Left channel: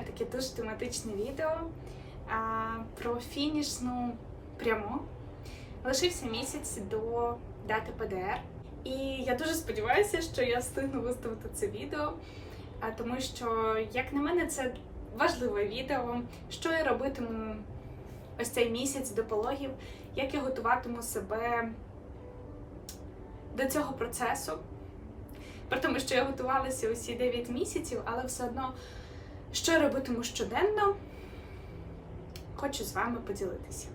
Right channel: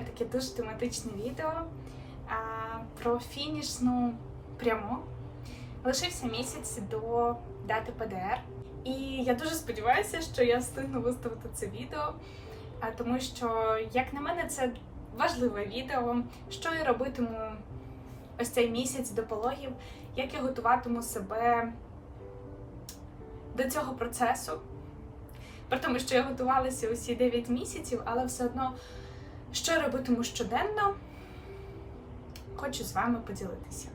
таке дуже тематичне відео про фінішну пряму. Лишився місяць до дати ПДР. І я дуже сподіваюся, що я встигну виставити це відео, тому що, як на мене, це важливе відео, що я робитиму ось цей місяць до пологів, як я готуватиму себе до цього процесу. При тому, що я готувалася усі 9 місяців, але все одно, що робитиму щоденно, хочу з вами поділитися.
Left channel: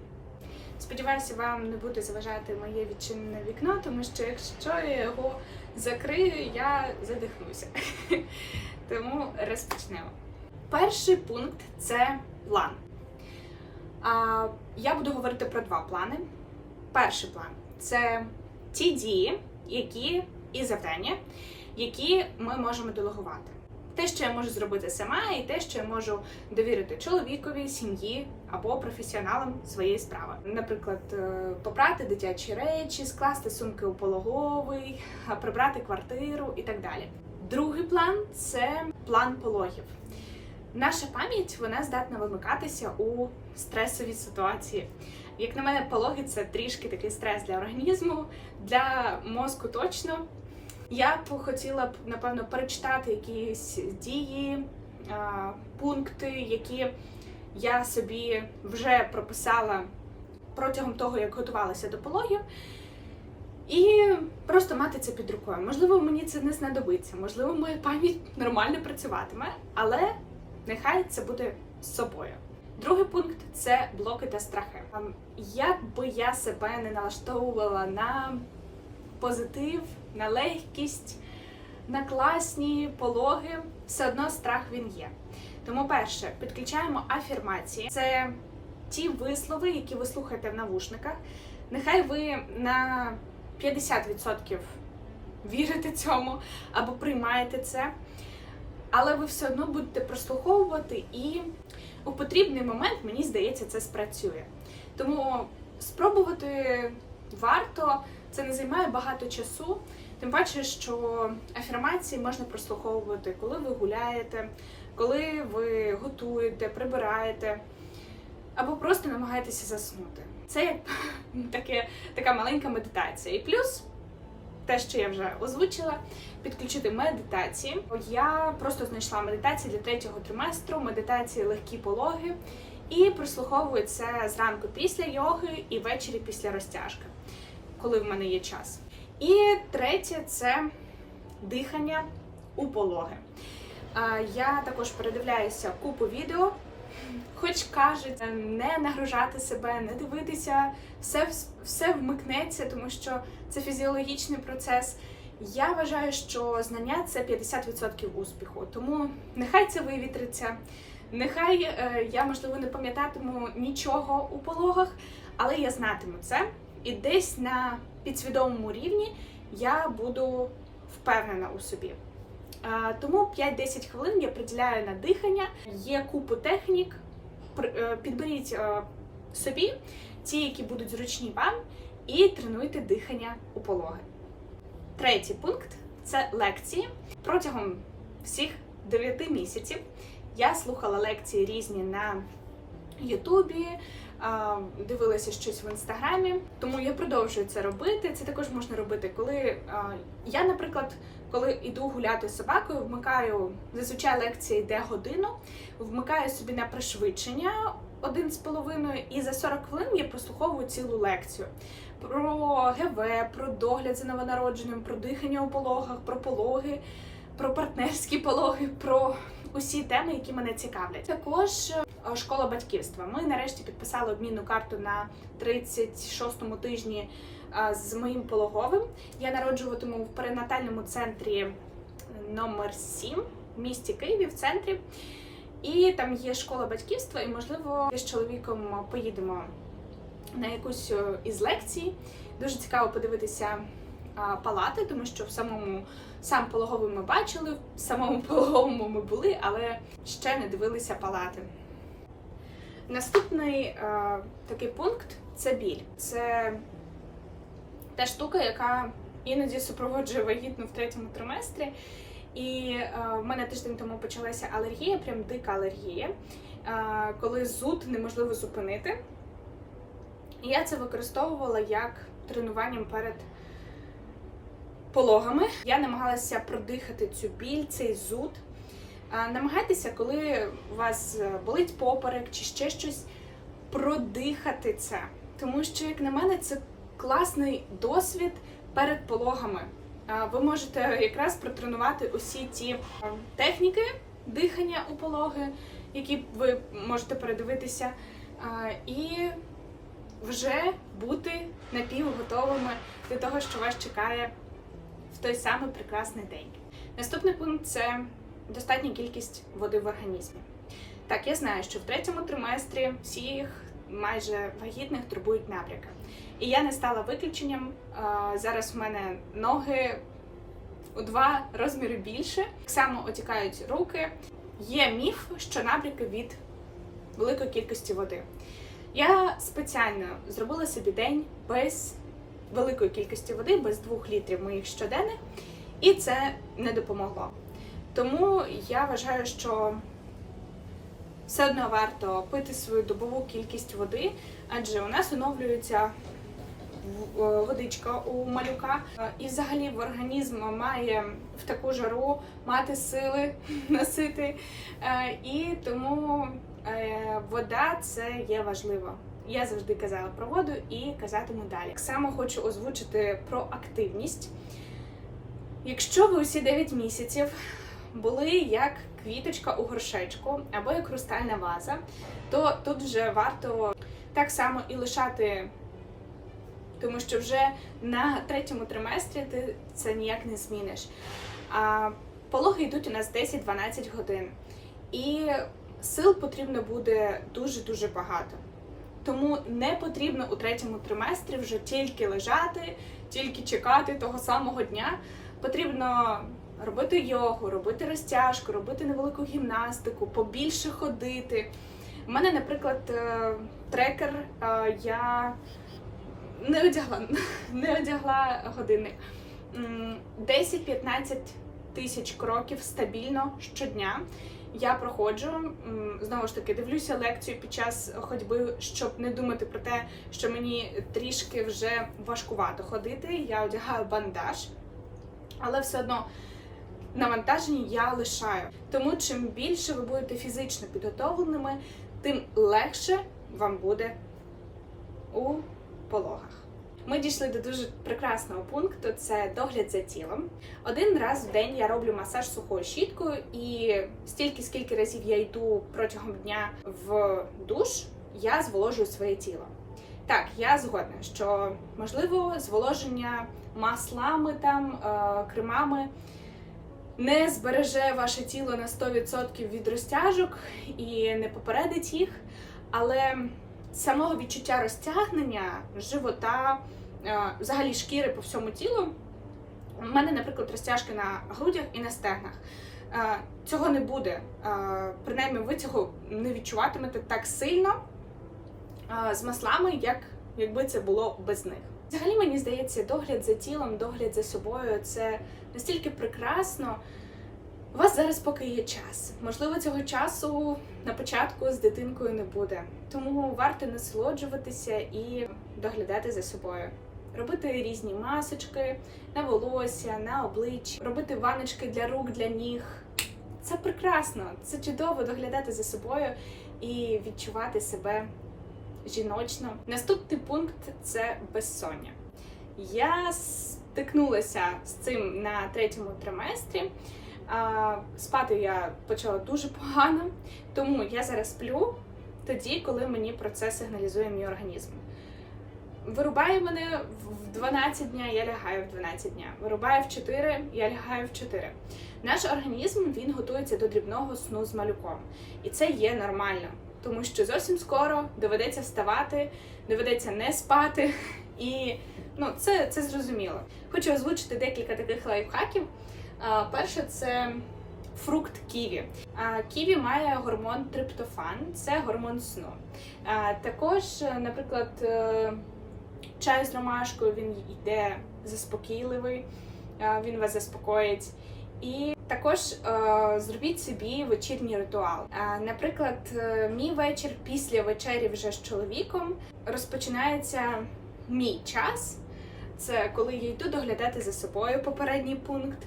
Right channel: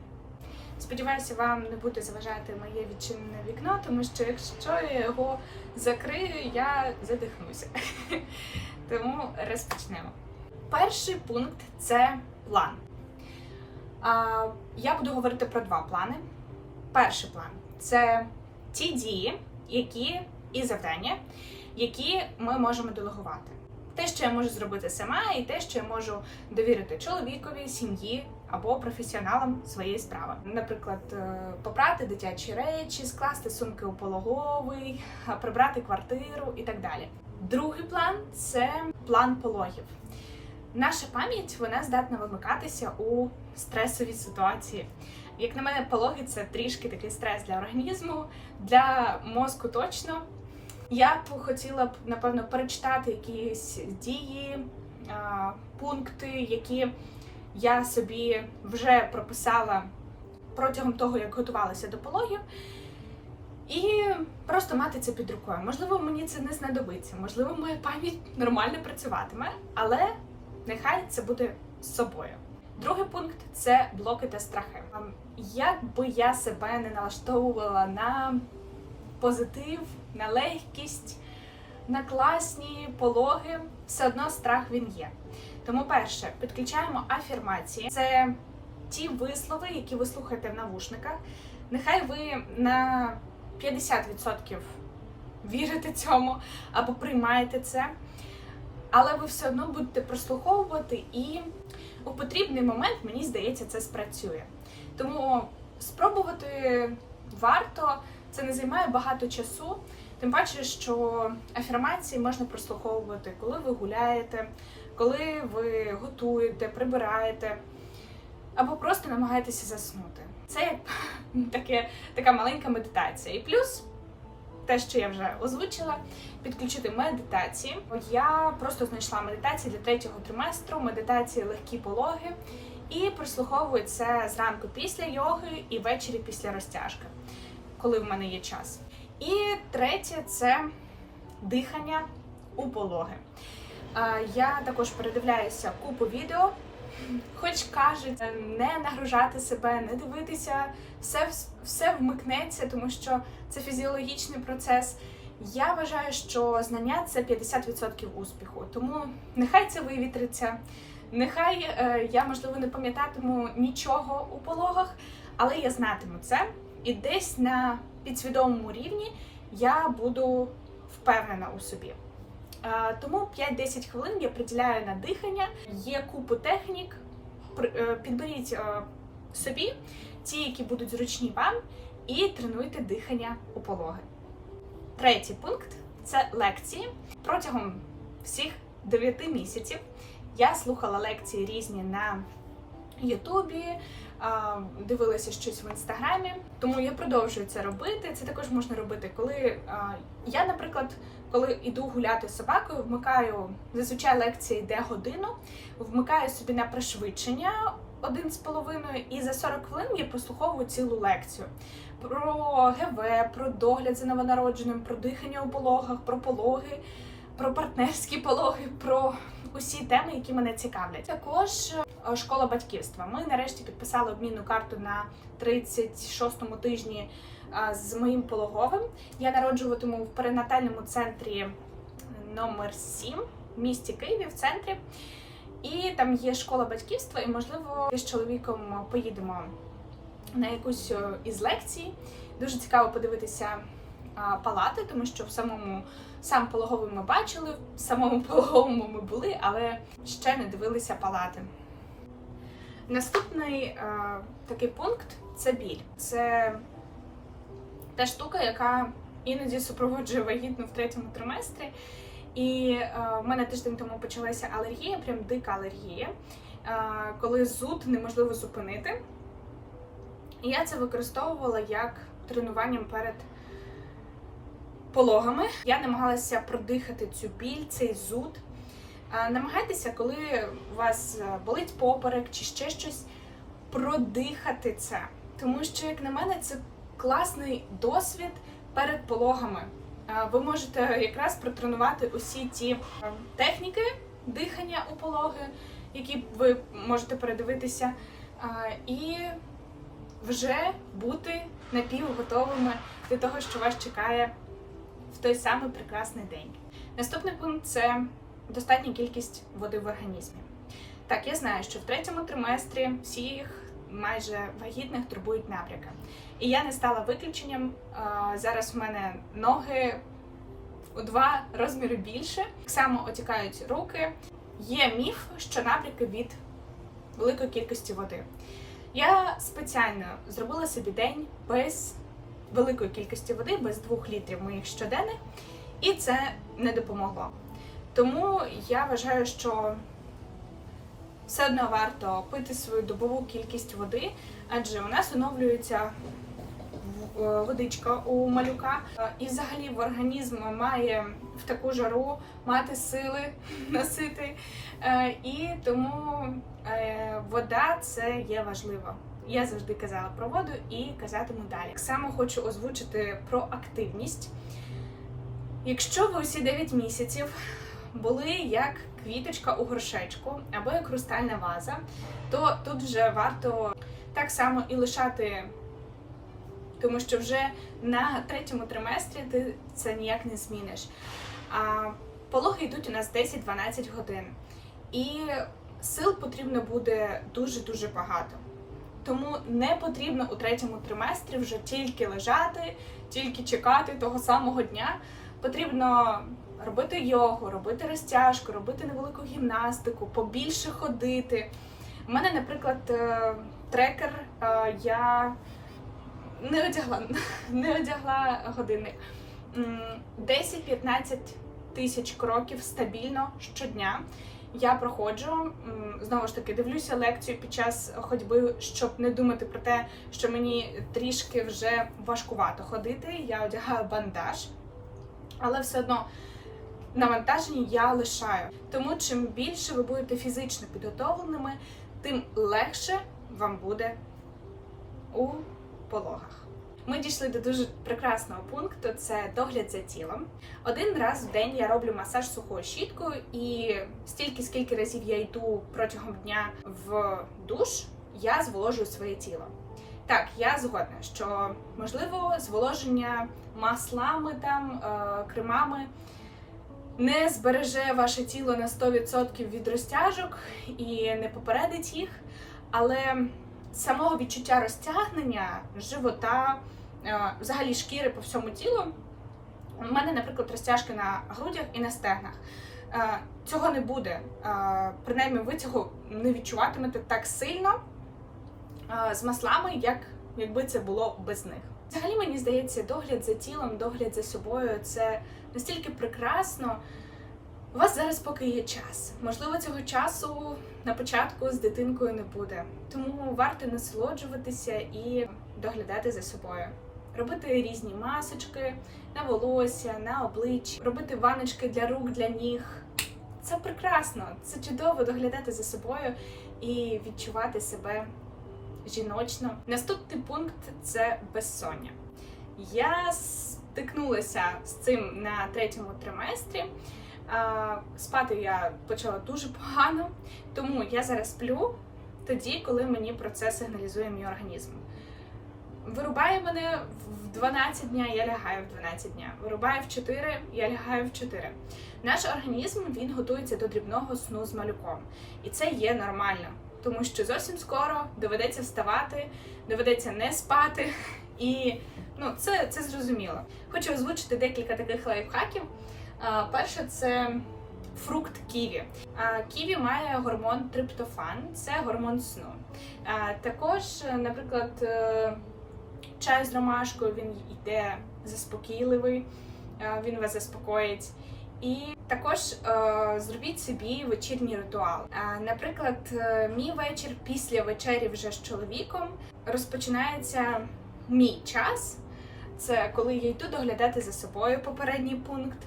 Сподіваюся, вам не буде заважати моє відчинене вікно, тому що якщо я його закрию, я задихнуся. Тому розпочнемо. Перший пункт це план. Я буду говорити про два плани. Перший план це ті дії, які і завдання, які ми можемо делегувати. Те, що я можу зробити сама, і те, що я можу довірити чоловікові, сім'ї або професіоналам своєї справи. Наприклад, е, попрати дитячі речі, скласти сумки у пологовий, прибрати квартиру і так далі. Другий план це план пологів. Наша пам'ять вона здатна вимикатися у стресовій ситуації. Як на мене, пологи це трішки такий стрес для організму, для мозку точно. Я б хотіла б, напевно, перечитати якісь дії, пункти, які я собі вже прописала протягом того, як готувалася до пологів. І просто мати це під рукою. Можливо, мені це не знадобиться, можливо, моя пам'ять нормально працюватиме, але нехай це буде з собою. Другий пункт це блоки та страхи. Ем, Як би я себе не налаштовувала на позитив, на легкість, на класні пологи, все одно страх він є. Тому, перше, підключаємо афірмації. Це ті вислови, які ви слухаєте в навушниках. Нехай ви на 50% вірите цьому або приймаєте це, але ви все одно будете прослуховувати і у потрібний момент, мені здається, це спрацює. Тому спробувати варто, це не займає багато часу. Тим паче, що афірмації можна прослуховувати, коли ви гуляєте, коли ви готуєте, прибираєте, або просто намагаєтеся заснути. Це як таке, така маленька медитація. І плюс те, що я вже озвучила, підключити медитації. Я просто знайшла медитації для третього триместру, медитації легкі пологи, і прослуховую це зранку після йоги і ввечері після розтяжки, коли в мене є час. І третє це дихання у пологи. Я також передивляюся купу відео, хоч кажуть, не нагружати себе, не дивитися, все, все вмикнеться, тому що це фізіологічний процес. Я вважаю, що знання це 50% успіху. Тому нехай це вивітриться, нехай е, я, можливо, не пам'ятатиму нічого у пологах, але я знатиму це. І десь на підсвідомому рівні я буду впевнена у собі. Тому 5-10 хвилин я приділяю на дихання. Є купу технік. Е, Підберіть е, собі ті, які будуть зручні вам, і тренуйте дихання у пологи. Третій пункт це лекції. Протягом всіх 9 місяців я слухала лекції різні на Ютубі, дивилася щось в інстаграмі, тому я продовжую це робити. Це також можна робити, коли я, наприклад, коли йду гуляти з собакою, вмикаю зазвичай лекція йде годину, вмикаю собі на пришвидшення один з половиною, і за 40 хвилин я прослуховую цілу лекцію про ГВ, про догляд за новонародженим, про дихання у пологах, про пологи, про партнерські пологи, про усі теми, які мене цікавлять. Також е, школа батьківства. Ми нарешті підписали обмінну карту на 36-му тижні е, з моїм пологовим. Я народжуватиму в перинатальному центрі номер 7 в місті Києві в центрі. І там є школа батьківства, і можливо з чоловіком поїдемо на якусь е, із лекцій. Дуже цікаво подивитися палати, тому що в самому сам пологовий ми бачили, в самому пологовому ми були, але ще не дивилися палати. Наступний е, такий пункт це біль. Це та штука, яка іноді супроводжує вагітну в третьому триместрі. І е, в мене тиждень тому почалася алергія, прям дика алергія, е, коли зуд неможливо зупинити. І я це використовувала як тренуванням перед пологами. Я намагалася продихати цю біль, цей зуд. Намагайтеся, коли у вас е, болить поперек чи ще щось, продихати це. Тому що, як на мене, це класний досвід перед пологами. Ви можете якраз протренувати усі ті е, техніки дихання у пологи, які ви можете передивитися, і вже бути напівготовими до того, що вас чекає в той самий прекрасний день. Наступний пункт це достатня кількість води в організмі. Так, я знаю, що в третьому триместрі всіх майже вагітних турбують набряки. І я не стала виключенням. Зараз в мене ноги у два розміри більше. Так само отікають руки. Є міф, що набряки від великої кількості води. Я спеціально зробила собі день без великої кількості води, без двох літрів моїх щоденних, і це не допомогло. Тому я вважаю, що все одно варто пити свою добову кількість води, адже у нас оновлюється е, водичка у малюка, Е, і взагалі в організм має в таку жару мати сили носити. Е, І тому вода це є важливо. Я завжди казала про воду і казатиму далі. Так само хочу озвучити про активність. Якщо ви усі 9 місяців були як квіточка у горшечку або як хрустальна ваза, то тут вже варто так само і лишати, тому що вже на третьому триместрі ти це ніяк не зміниш. А пологи йдуть у нас 10-12 годин, і сил потрібно буде дуже-дуже багато. Тому не потрібно у третьому триместрі вже тільки лежати, тільки чекати того самого дня. Потрібно робити йогу, робити розтяжку, робити невелику гімнастику, побільше ходити. У мене, наприклад, е, трекер, е, я не одягла, не одягла годинник. М, 10-15 тисяч кроків стабільно щодня. Я проходжу знову ж таки, дивлюся лекцію під час ходьби, щоб не думати про те, що мені трішки вже важкувато ходити. Я одягаю бандаж, але все одно навантаження я лишаю. Тому чим більше ви будете фізично підготовленими, тим легше вам буде у пологах. Ми дійшли до дуже прекрасного пункту це догляд за тілом. Один раз в день я роблю масаж сухою щіткою, і стільки, скільки разів я йду протягом дня в душ, я зволожую своє тіло. Так, я згодна, що можливо зволоження маслами там, е, кремами не збереже ваше тіло на 100% від розтяжок і не попередить їх, але самого відчуття розтягнення живота, е, взагалі шкіри по всьому тілу. У мене, наприклад, розтяжки на грудях і на стегнах. Е, Цього не буде. Е, Принаймні, ви цього не відчуватимете так сильно з маслами, як якби це було без них. Взагалі, мені здається, догляд за тілом, догляд за собою це настільки прекрасно. У вас зараз поки є час. Можливо, цього часу на початку з дитинкою не буде. Тому варто насолоджуватися і доглядати за собою. Робити різні масочки на волосся, на обличчя, робити ваночки для рук, для ніг. Це прекрасно, це чудово доглядати за собою і відчувати себе жіночно. Наступний пункт це безсоння. Я стикнулася з цим на третьому триместрі. Спати я почала дуже погано, тому я зараз сплю тоді, коли мені про це сигналізує мій організм. Вирубає мене в 12 дня, я лягаю в 12 дня. Вирубає в 4, я лягаю в 4. Наш організм він готується до дрібного сну з малюком, і це є нормально, тому що зовсім скоро доведеться вставати, доведеться не спати, і ну це, це зрозуміло. Хочу озвучити декілька таких лайфхаків. Перше це фрукт ківі. Ківі має гормон триптофан, це гормон сну. Також, наприклад, е, чай з ромашкою він йде заспокійливий, він вас заспокоїть. І також е, зробіть собі вечірній ритуал. Наприклад, е, мій вечір після вечері вже з чоловіком розпочинається мій час. Це коли я йду доглядати за собою попередній пункт.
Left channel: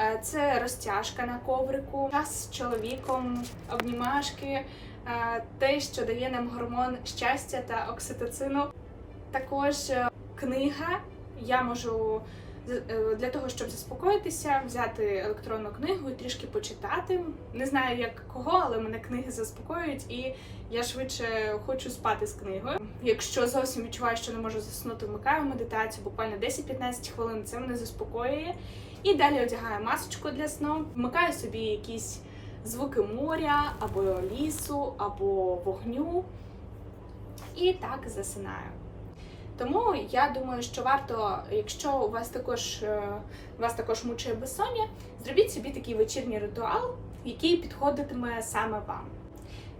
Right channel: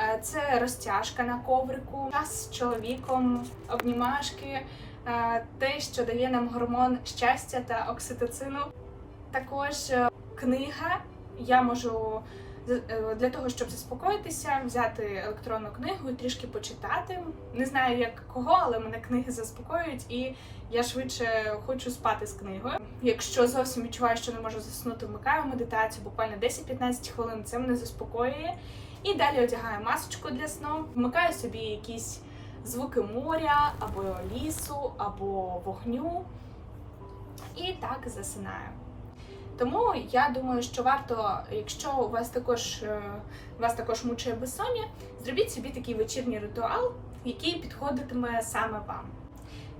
Е, Це розтяжка на коврику, час з чоловіком, обнімашки, е, те, що дає нам гормон щастя та окситоцину. Також е, книга. Я можу для того, щоб заспокоїтися, взяти електронну книгу і трішки почитати. Не знаю як кого, але мене книги заспокоюють, і я швидше хочу спати з книгою. Якщо зовсім відчуваю, що не можу заснути, вмикаю медитацію, буквально 10-15 хвилин. Це мене заспокоює. І далі одягаю масочку для сну, вмикаю собі якісь звуки моря, або лісу, або вогню. І так засинаю. Тому я думаю, що варто, якщо у вас також е, вас також мучає безсоння, зробіть собі такий вечірній ритуал, який підходитиме саме вам.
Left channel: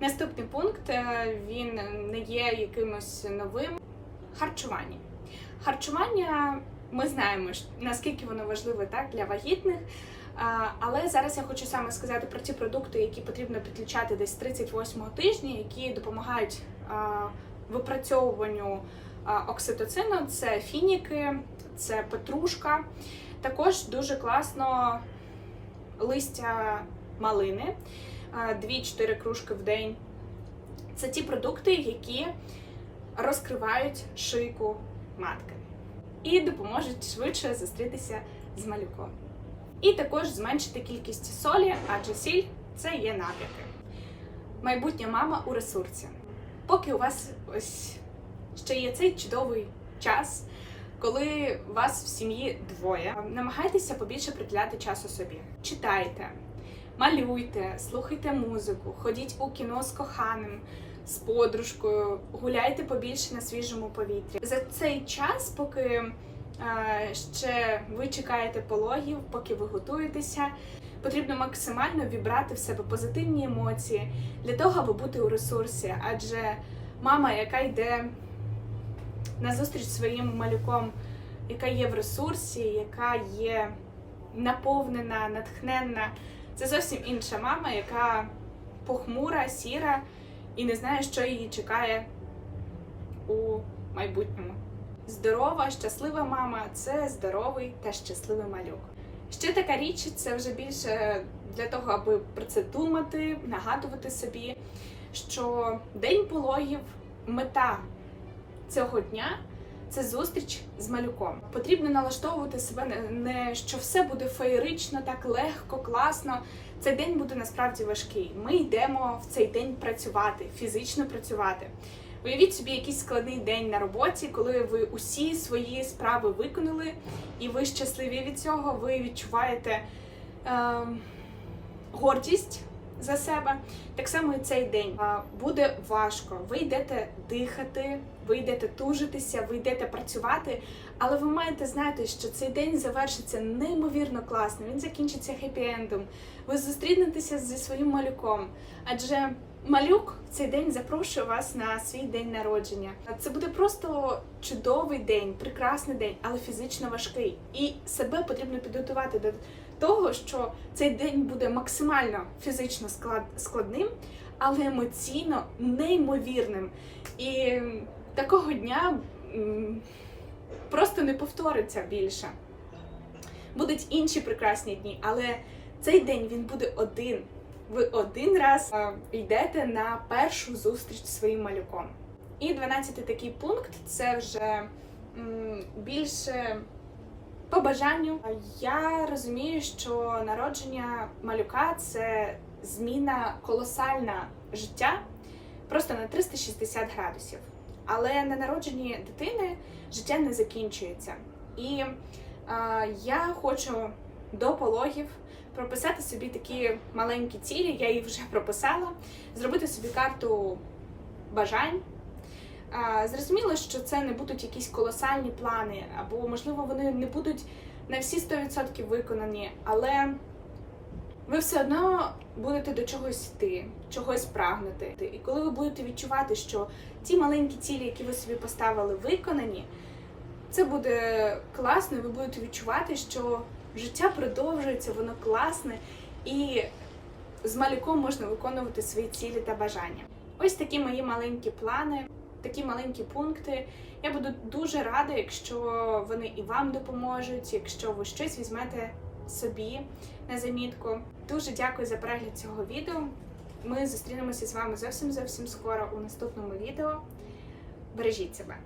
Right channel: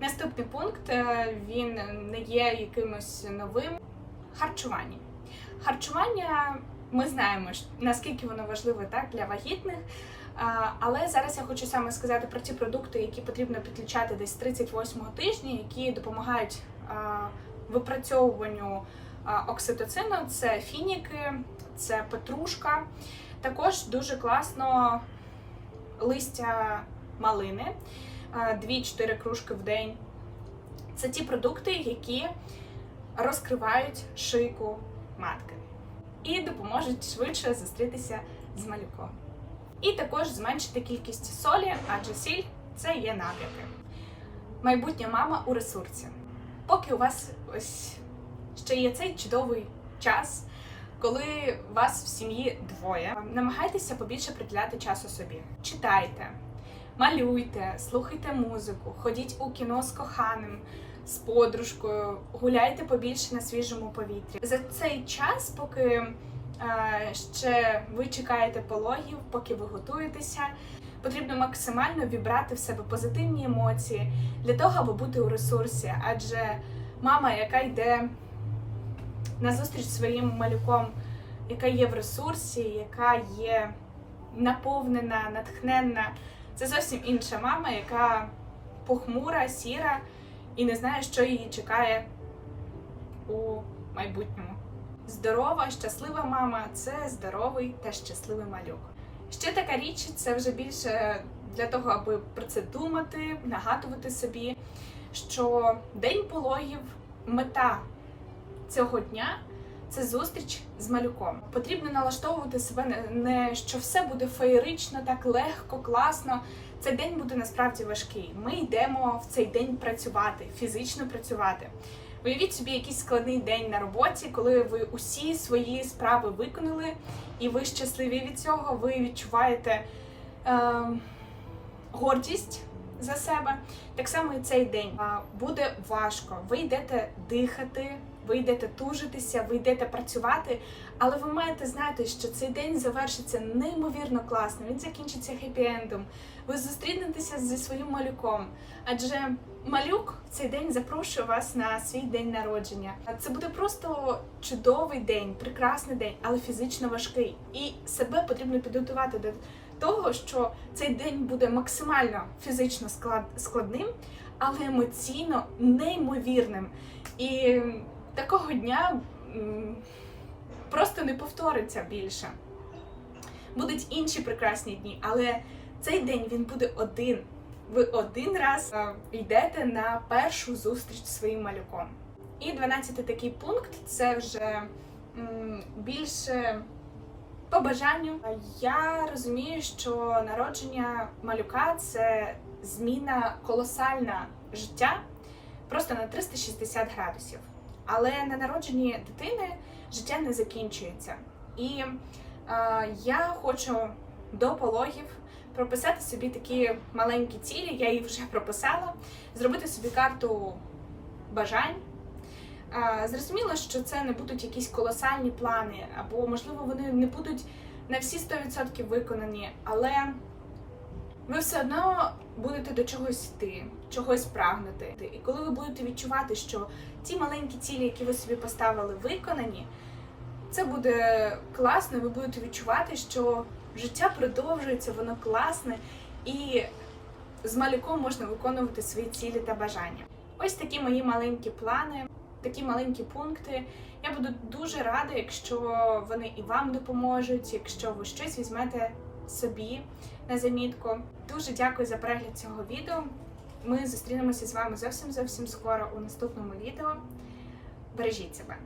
Наступний пункт е, він не є якимось новим. Харчування. Харчування ми знаємо, наскільки воно важливе так для вагітних. Але зараз я хочу саме сказати про ті продукти, які потрібно підключати десь 38-го тижня, які допомагають випрацьовуванню окситоцину. Це фініки, це петрушка. Також дуже класно листя малини, 2-4 кружки в день. Це ті продукти, які розкривають шийку матки і допоможуть швидше зустрітися з малюком. І також зменшити кількість солі, адже сіль це є набряки. Майбутня мама у ресурсі. Поки у вас ось ще є цей чудовий час, коли вас в сім'ї двоє, намагайтеся побільше приділяти часу собі. Читайте, малюйте, слухайте музику, ходіть у кіно з коханим, з подружкою, гуляйте побільше на свіжому повітрі. За цей час, поки е, ще ви чекаєте пологів, поки ви готуєтеся, потрібно максимально вібрати в себе позитивні емоції для того, аби бути у ресурсі. Адже мама, яка йде на зустріч своїм малюком, яка є в ресурсі, яка є наповнена, натхненна, це зовсім інша мама, яка похмура, сіра і не знає, що її чекає у майбутньому. Здорова, щаслива мама це здоровий та щасливий малюк. Ще така річ це вже більше для того, аби про це думати, нагадувати собі, що день пологів, мета цього дня це зустріч з малюком. Потрібно налаштовувати себе не- що все буде феєрично, так легко, класно. Цей день буде насправді важкий. Ми йдемо в цей день працювати, фізично працювати. Уявіть собі якийсь складний день на роботі, коли ви усі свої справи виконали, і ви щасливі від цього, ви відчуваєте е, гордість за себе. Так само і цей день буде важко. Ви йдете дихати, ви йдете тужитися, ви йдете працювати, але ви маєте знати, що цей день завершиться неймовірно класно. Він закінчиться хеппі-ендом. Ви зустрінетеся зі своїм малюком, адже малюк в цей день запрошує вас на свій день народження. Це буде просто чудовий день, прекрасний день, але фізично важкий. І себе потрібно підготувати до того, що цей день буде максимально фізично склад, складним, але емоційно неймовірним. І такого дня просто не повториться більше. Будуть інші прекрасні дні, але цей день він буде один. Ви один раз е, йдете на першу зустріч зі своїм малюком. І 12 такий пункт це вже більше по бажанню. Я розумію, що народження малюка це зміна колосальна життя просто на 360 градусів. Але на народженні дитини життя не закінчується. І е, я хочу до пологів прописати собі такі маленькі цілі, я їх вже прописала, зробити собі карту бажань. А, Зрозуміло, що це не будуть якісь колосальні плани, або, можливо, вони не будуть на всі 100% виконані, але ви все одно будете до чогось йти, чогось прагнути. І коли ви будете відчувати, що ті маленькі цілі, які ви собі поставили, виконані, це буде класно, ви будете відчувати, що Життя продовжується, воно класне, і з малюком можна виконувати свої цілі та бажання. Ось такі мої маленькі плани, такі маленькі пункти. Я буду дуже рада, якщо вони і вам допоможуть, якщо ви щось візьмете собі на замітку. Дуже дякую за перегляд цього відео. Ми зустрінемося з вами зовсім зовсім скоро у наступному відео. Бережіть себе.